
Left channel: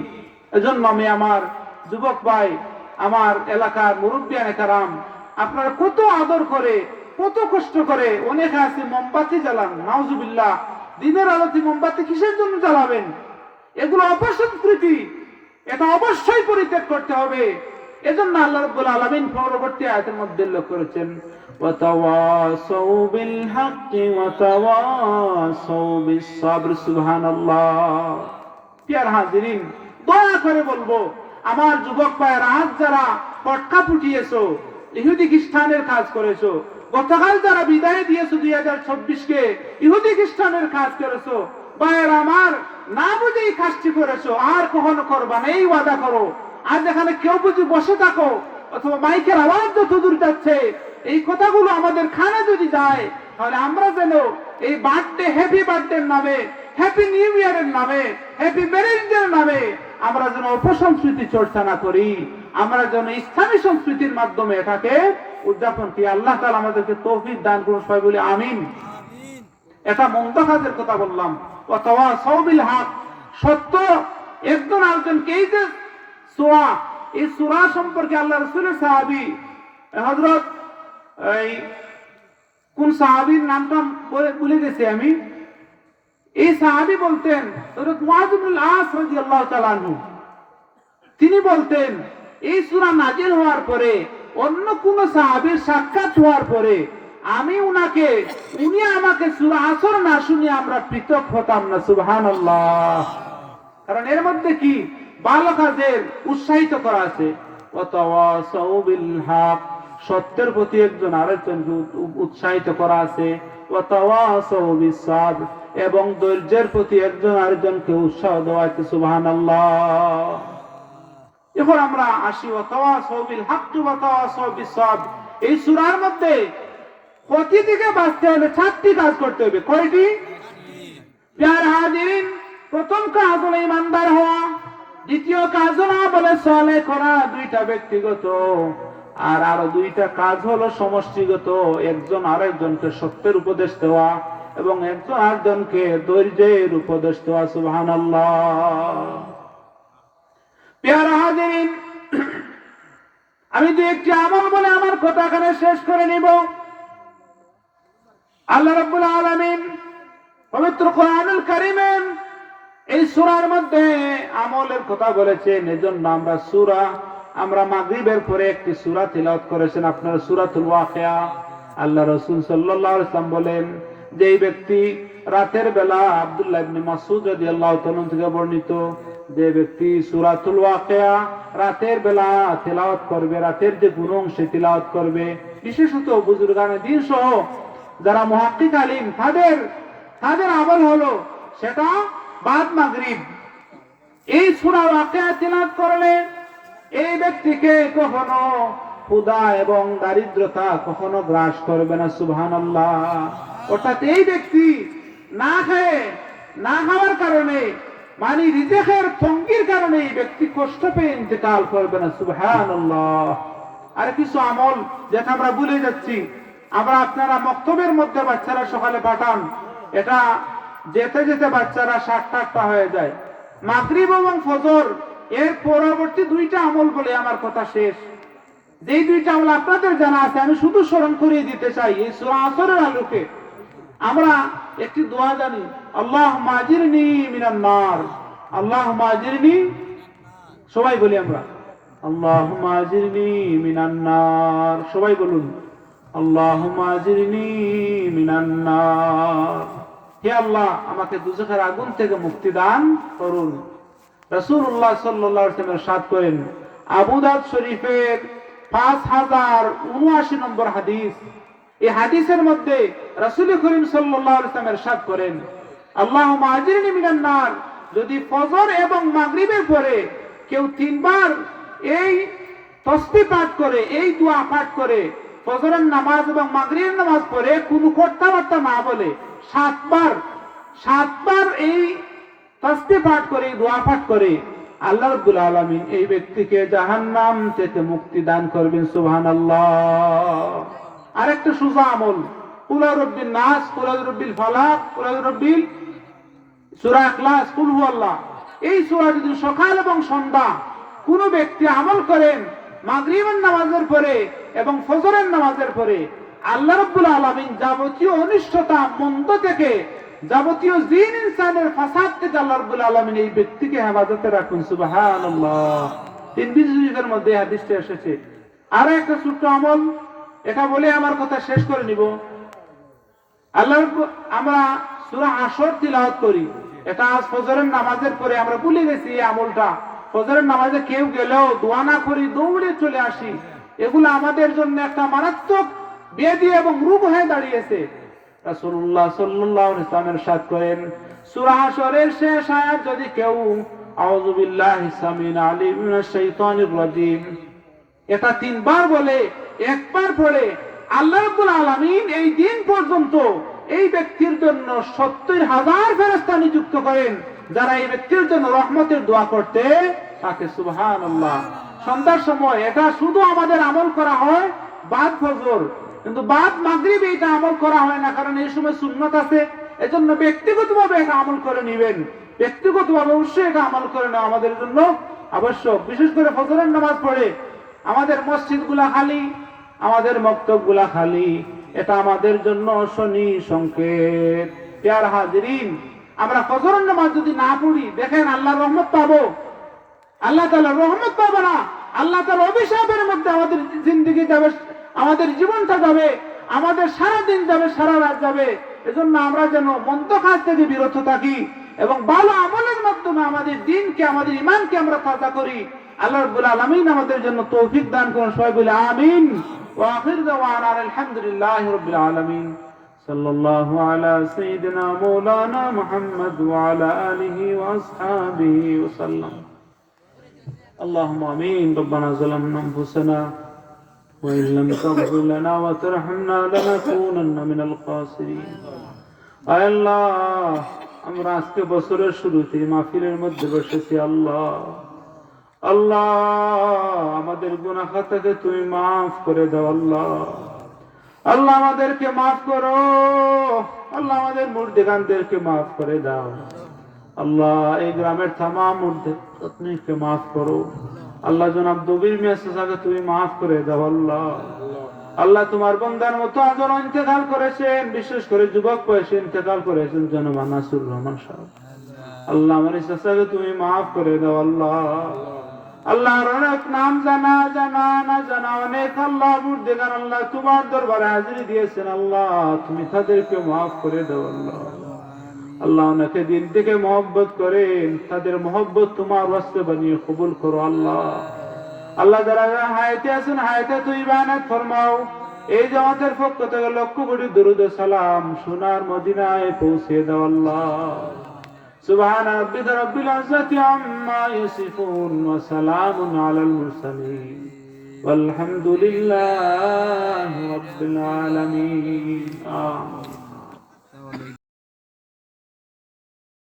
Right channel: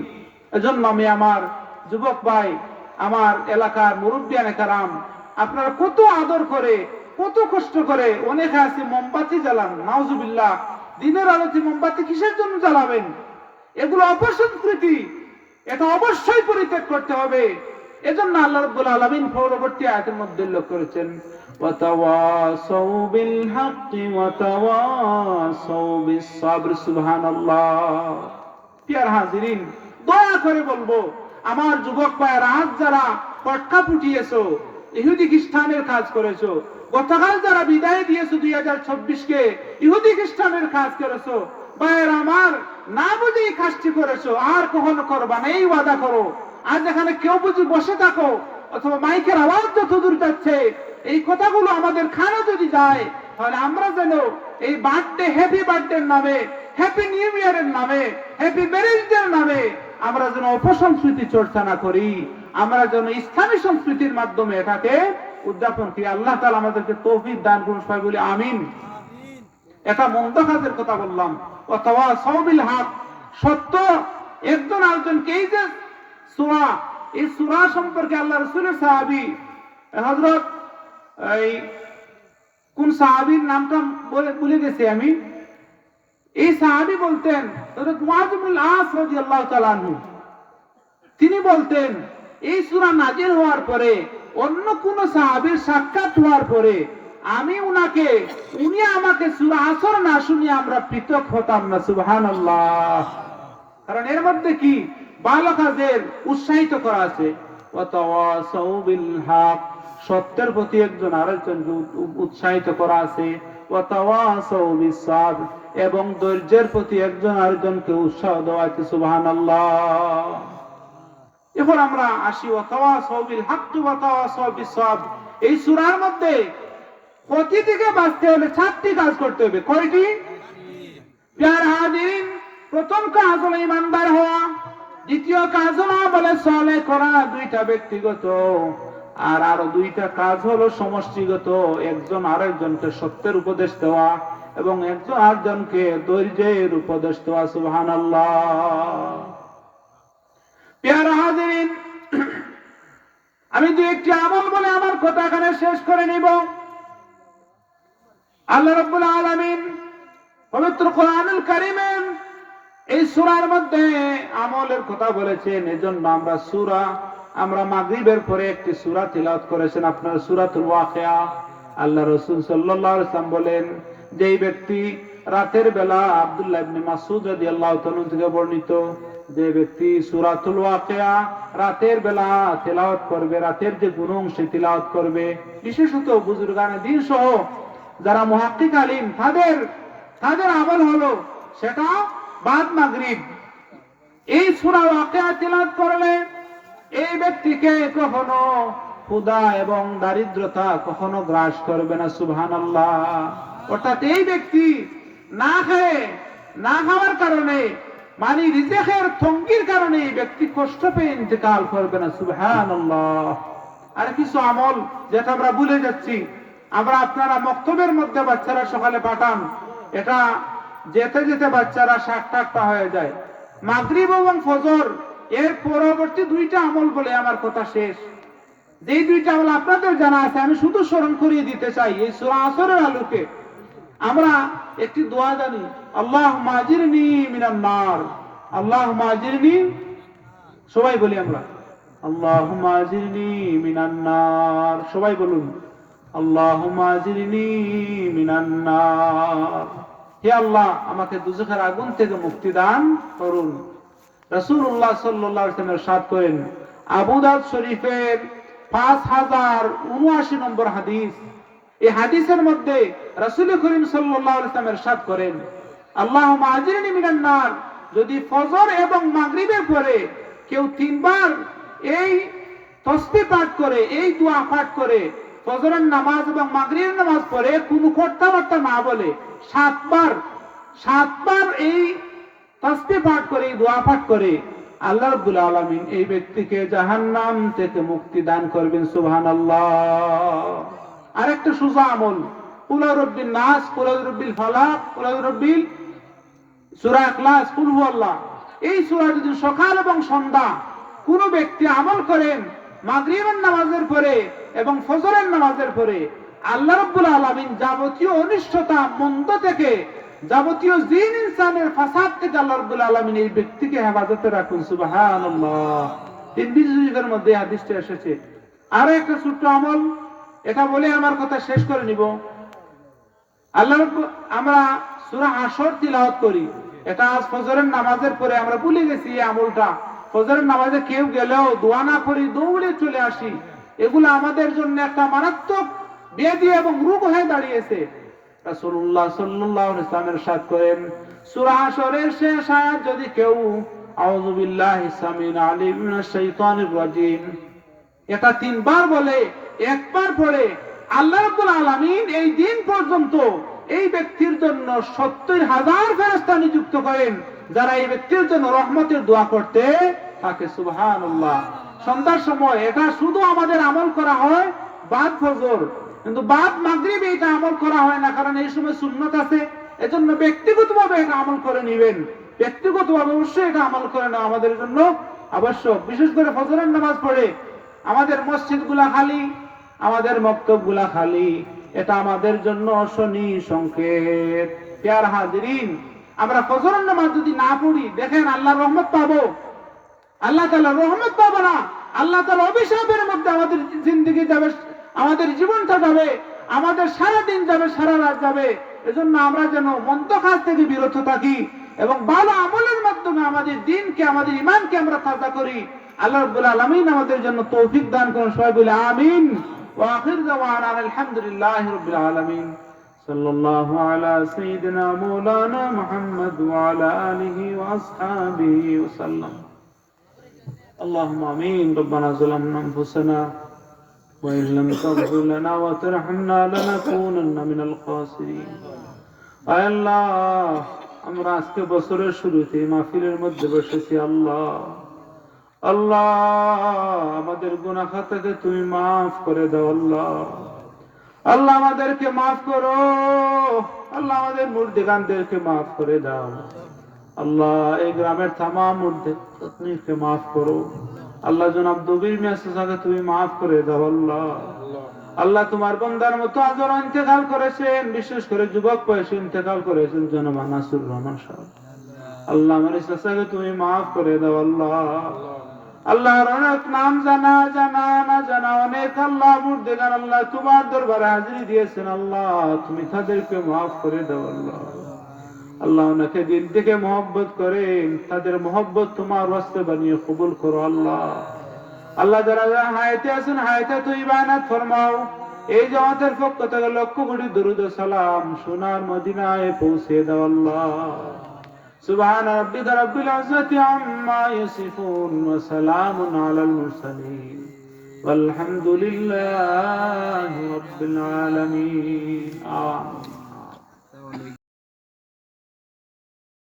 এজন্য আমি আমার যুবক ভাই, আমার এলাকার মুরব্বিয়ানে কেরাম, আপনারা কত আদর করে, কত কষ্ট করে, অনেকে আছে মোমবাতি জ্বালান, নাউজুবিল্লাহ। দিনের আলোতে মোমবাতি কিসের জন্য জ্বালাবেন? এগুলো অপসংস্কৃতি, এটা অবশ্যই পরিত্যাগ করতে হবে। এজন্য আল্লাহ রাব্বুল আলামিন পরবর্তী আয়াতের মধ্যে উল্লেখ করেছেন, ওয়াতাওয়াসাউ বিল হাক্কি ওয়াতাওয়াসাউ বিস সাবর, সুবহানাল্লাহ। প্রিয় হাজিরিন, দয়া করে বলবো, আমার যুবক ভাইয়েরা, আজ যারা পটকা ফুটিয়েছো, ইহুদি খ্রিস্টানের কাজ করেছো, গতকাল যারা বিদায় দিয়েছো 2024 ইহুদি খ্রিস্টানের কাজ করেছো, ভাইয়েরা আমার, না বুঝে এই কাজটি করেছো, আর কখনো করবা না, এই ওয়াদা করো। আর যেখানে কেউ বুঝি বসে থাকো, অথবা মাইকের আওয়াজ যত দূর যাচ্ছে, এই কথাগুলো আমাদের খানা যদি যায়, তাহলে আমরা যেন এই বার্থডে, হ্যাপি বার্থডে নামে, হ্যাপি নিউ ইয়ারের নামে, হ্যাপি ম্যারেজ ডের নামে আমরা যেন অপসংস্কৃতি চর্চা না করি, আমরা যেন ইসলামী সংস্কৃতির মাধ্যমে এটাকে উদযাপন করি। আল্লাহ তাআলা আমাদেরকে তৌফিক দান করুন, সবাই বলি আমিন। এটা মন্দ কাজের কথা বললাম। ওয়াতাওয়াসাউ বিল হক, সত্য একজন আরেকজনকে, এই যে সূরা, এই সূরা সম্পর্কে আল্লাহ রাসূলের সাহাবী হযরত, এই কোন সাহাবীর নামটা ভুলে গেছি আমি, এই সাহাবী বলতেন, হযরত মুআয ইবনুল আস রাদিয়াল্লাহু তাআলা আনহু, তিনি বলতেন, এই সূরা নাজিল হওয়ার পরে, অন্য কোন সাহাবীর সাক্ষাৎ হওয়ার পরে উনি আমাকে সূরা আসর না শুনিয়ে আমরা পৃথক হতাম না, সুবহানাল্লাহ। কারণ এর মধ্যে কি ভালো কাজের উৎসাহিত করা আছে। ওয়াতাওয়াসাউ বিল হক, সত্যের প্রতি একজন আরেকজনকে উৎসাহিত করা আছে। ওয়াতাওয়াসাউ বিস সাবর, এবং ধৈর্যের প্রতি একজন আরেকজনকে উৎসাহ দেওয়া আছে, সুবহানাল্লাহ। এখন আমরা আসি ওয়াতাওয়াসাউ বিল হক ওয়াতাওয়াসাউ বিস সাবর। এই সূরার মধ্যে ক্ষতি থেকে বাঁচতে হলে 4টি কাজ করতে হবে। কয়টি? প্রিয় হাজিরিন, প্রথম কাজ হলো ইমানদার হওয়া, দ্বিতীয় কাজ হলো আমলে সালেহ করা, 2টা ব্যক্তিগত, আর আরো 2টা কাজ হলো সমষ্টিগত, একজন আরেকজনকে সত্যের উপদেশ দেওয়া এবং একজন আরেকজনকে ধৈর্যের উপদেশ দেওয়া, সুবহানাল্লাহ। প্রিয় হাজিরিন, আমি যে একটি আমল বলে আমার কথা এখানে শেষ করে নিব। আল্লাহ রাব্বুল আলামিন পবিত্র কোরআনুল কারীমের এই সূরার মধ্যে আমলের কথা বলেছেন। এজন্য আমরা মাগরিবের পরে একটি সূরা তিলাওয়াত করেছেন, আপনারা সূরাতুল ওয়াকিয়া। আল্লাহ রাসূল সাল্লাল্লাহু আলাইহি ওয়াসাল্লাম বলেন, যেই ব্যক্তি রাতের বেলা, আব্দুল্লাহ ইবনে মাসউদ রাদিয়াল্লাহু তাআলা থেকে বর্ণিত, যে ব্যক্তি সূরাতুল ওয়াকিয়া রাতের বেলা তেলাওয়াত করবে, রাতের যে গুণ অংশে তেলাওয়াত করবে, বিশেষত বুজুর্গানে দ্বীন সহ যারা মুহাক্কিক আলিম, তাদের আমল হলো সেটা বাদ মাগরিব এই সূরা ওয়াকিয়া তেলাওয়াত করলে এই ব্যক্তিকে কখনো ক্ষুধা এবং দারিদ্রতা কখনো গ্রাস করবে না। সুবহানাল্লাহ। অর্থাৎ এই ব্যক্তি না খাওয়ার কারণে, মানে রিজেকের তঙ্গির কারণে এই ব্যক্তি কষ্ট পেয়ে ইন্তেকাল করবে না। সুবহানাল্লাহ। আর কিছু আমল যেটা আমরা ভুলে যাচ্ছি, আপনারা মক্তবের মধ্যে বাচ্চারা সকালে পাঠান, এটা যেতে যেতে বাচ্চারা 60টা হয়ে যায়। মাগরিব এবং ফজর এর পরবর্তী দুইটা আমল বলে আমার কথা শেষ। যেই দুইটা আমল আপনাদের জানা আছে, আমি শুধু স্মরণ করিয়ে দিতে চাই। এই সূরা আসরের আলোকে আমরা একটি দোয়া জানি, আল্লাহুম্মা আজিরনি মিনান নার। আল্লাহুম্মা আজিরনি, সবাই বলি আমরা, আল্লাহুম্মা আজিরনি মিনান নার। সবাই বলুন, আল্লাহুম্মা আজিরনি মিনান নার। হে আল্লাহ, আমাকে দুজখের আগুন থেকে মুক্তি দান করুন। রাসূলুল্লাহ সাল্লাল্লাহু আলাইহি ওয়াসাল্লাম ইরশাদ করেন, আবু দাউদ শরীফের 5079 নম্বর হাদিস। এই হাদিসের মধ্যে রাসূল করিম সাল্লাল্লাহু আলাইহি ওয়াসাল্লাম ইরশাদ করেন, আল্লাহুম্মা আজিরনি মিনান নার। যদি ফজর এবং মাগরিবের পরে কেউ 3 বার এই তাসবিহ পাঠ করে, এই দোয়া পাঠ করে, ফজরের নামাজ এবং মাগরিবের নামাজ পড়ে কোনো কথাবার্তা না বলে 7 বার এই তাসবিহ পাঠ করে, দোয়া পাঠ করে, আল্লাহ রাব্বুল আলামিন এই ব্যক্তিকে জাহান্নাম থেকে মুক্তি দান করবেন। সুবহানাল্লাহ। আরেকটা সুজা আমল, কুল আউযুবিন নাস, কুল আউযুবিল ফালাক, কুল আউযুবিল সূরা ইখলাস, কুল হুয়াল্লাহ, এই সূরা যদি সকাল এবং সন্ধ্যা কোন ব্যক্তি আমল করেন মাগরিবের নামাজের পরে এবং ফজরের নামাজের পরে, আল্লাহ রাব্বুল আলামিন যাবতীয় অনিষ্টতা, মন্দ থেকে, যাবতীয় জিন ইনসানের ফাসাদ থেকে আল্লাহ রাব্বুল আলামিন এই ব্যক্তিকে হেফাজতে রাখুন। সুবহানাল্লাহ। তিরমিজির মধ্যে হাদিসটা এসেছে। আর একটা ছোট্ট আমল, এটা বলে আমার কথা শেষ করে নিব। আমরা সূরা হাসর তিলাওয়াত করি, এটা আজ ফজরের নামাজের পরে আমরা ভুলে গেছি এই আমলটা। ফজরের নামাজে কেউ গেলেও দোয়া না করি, দৌড়ে চলে আসি। এগুলো আমাদের জন্য একটা মারাত্মক ব্যাধি এবং রোগ হয়ে দাঁড়িয়েছে। রাসূলুল্লাহ সাল্লাল্লাহু আলাইহি ওয়াসাল্লাম ইরশাদ করেন, সূরা হাসরের শেষ আয়াত যদি কেউ আউযু বিল্লাহি সামিল আলিম মিনাশ শাইতানির রাজিম এটা 3 বার বলে, একবার পড়ে, আল্লাহ রাব্বুল আলামিন এই দিন পর্যন্ত এই ব্যক্তির জন্য 70,000 ফেরেশতা নিযুক্ত করেন, যারা এই ব্যক্তির জন্য রহমতের দোয়া করতে থাকে। সুবহানাল্লাহ। সন্ধ্যার সময় এটা শুধু আমাদের আমল করা হয় বাদ ফজর, কিন্তু বাদ মাগরিব এটা আমল করা হয় না, কারণ এই সময় সুন্নত আছে। এজন্য ব্যক্তিগতভাবে এটা আমল করে নেবেন, ব্যক্তিগতভাবে অবশ্যই এটা আমল করে নেওয়া আমাদের জন্য আবশ্যক। বিশেষ করে ফজরের নামাজ পড়ে আমাদের মসজিদগুলা খালি, আমাদের মক্তবগুলা খালি, এটা আমাদের জন্য শনি সংকেত। প্রিয় হাজিরিন, আমরা ফজরের নামাজ যদি না পড়ি, দেখেন আল্লাহর রহমত পাবো, আল্লাহ তাআলার রহমত পাবো না, আল্লাহ তাআলার অভিশাপের মধ্যে আমাদের জিন্দেগি যাবে, আমাদের জীবনটা যাবে, আমাদের সারা দিন যাবে, সারা রাত যাবে। এজন্য আমরা যেন মন্দ কাজ থেকে বিরত থাকি এবং ভালো আমলের মাধ্যমে আমাদের দিনকে, আমাদের ঈমানকে আমরা তাজা করি। আল্লাহ রাব্বুল আলামিন আমাদের জন্য তৌফিক দান করুন। সবাই বলি আমিন। ওয়া আখির দাওয়ানা আলহামদুলিল্লাহি রাব্বিল আলামিন। সাল্লাল্লাহু আলা সাইয়্যিদিনা মাওলানা মুহাম্মদ ওয়া আলা আলিহি ওয়া আসহাবিহি ওয়া সাল্লাম। আল্লাহুম্মা আমিন। রব্বানা যালামনা আনফুসানা ওয়া ইন লাম তাগফির লানা ওয়া তারহামনা লানাকুনান্না মিনাল খাসিরিন। আয় আল্লাহ, আমরা আজকে বছরের শুরুতে মাহফিলের মধ্যে বসেছি। আল্লাহ, আমাদের গুনাহ খাতাকে তুমি মাফ করে দাও। আল্লাহ আমাদেরকে মাফ করো। আল্লাহ আমাদের মুর্দিগানদেরকে মাফ করে দাও। আল্লাহ এই গ্রামের তামাম মুর্দিগানকে মাফ করো। আল্লাহ জনাব দবির মেসাকে তুমি মাফ করে দাও। আল্লাহ তোমার বান্দার মতো আজও ইন্তেকাল করেছেন, বিশেষ করে যুবক বয়সে ইন্তেকাল করেছেন জনাব নাসির রহমান সাহেব। আল্লাহ আমার চাচাকে তুমি মাফ করে দাও আল্লাহ। আল্লাহর অনেক নাম জানা জানা না জানা অনেক আল্লাহ মুর্দেগান আল্লাহ তোমার দরবারে হাজিরি দিয়েছেন আল্লাহ, তুমি তাদেরকে মাফ করে দাও আল্লাহ। আল্লাহ ওনাকে দিল থেকে মহব্বত করেন, তাদের মহব্বত তোমার ওয়াস্তে বানিয়ে কবুল করো আল্লাহ। আল্লাহ যারা যারা হায়াতে আছেন হায়াতে তৈবানাত ফরমাও। এই জামাতের পক্ষ থেকে লক্ষ কোটি দরুদ ও সালাম সোনার মদিনায় পৌঁছে দাও আল্লাহ। সুবহান রাব্বিকা রাব্বিল ইজ্জাতি আম্মা ইয়াসিফুন ওয়া সালামুন আলাল মুরসালিন ওয়ালহামদুলিল্লাহি রাব্বিল আলামিন। আমিন।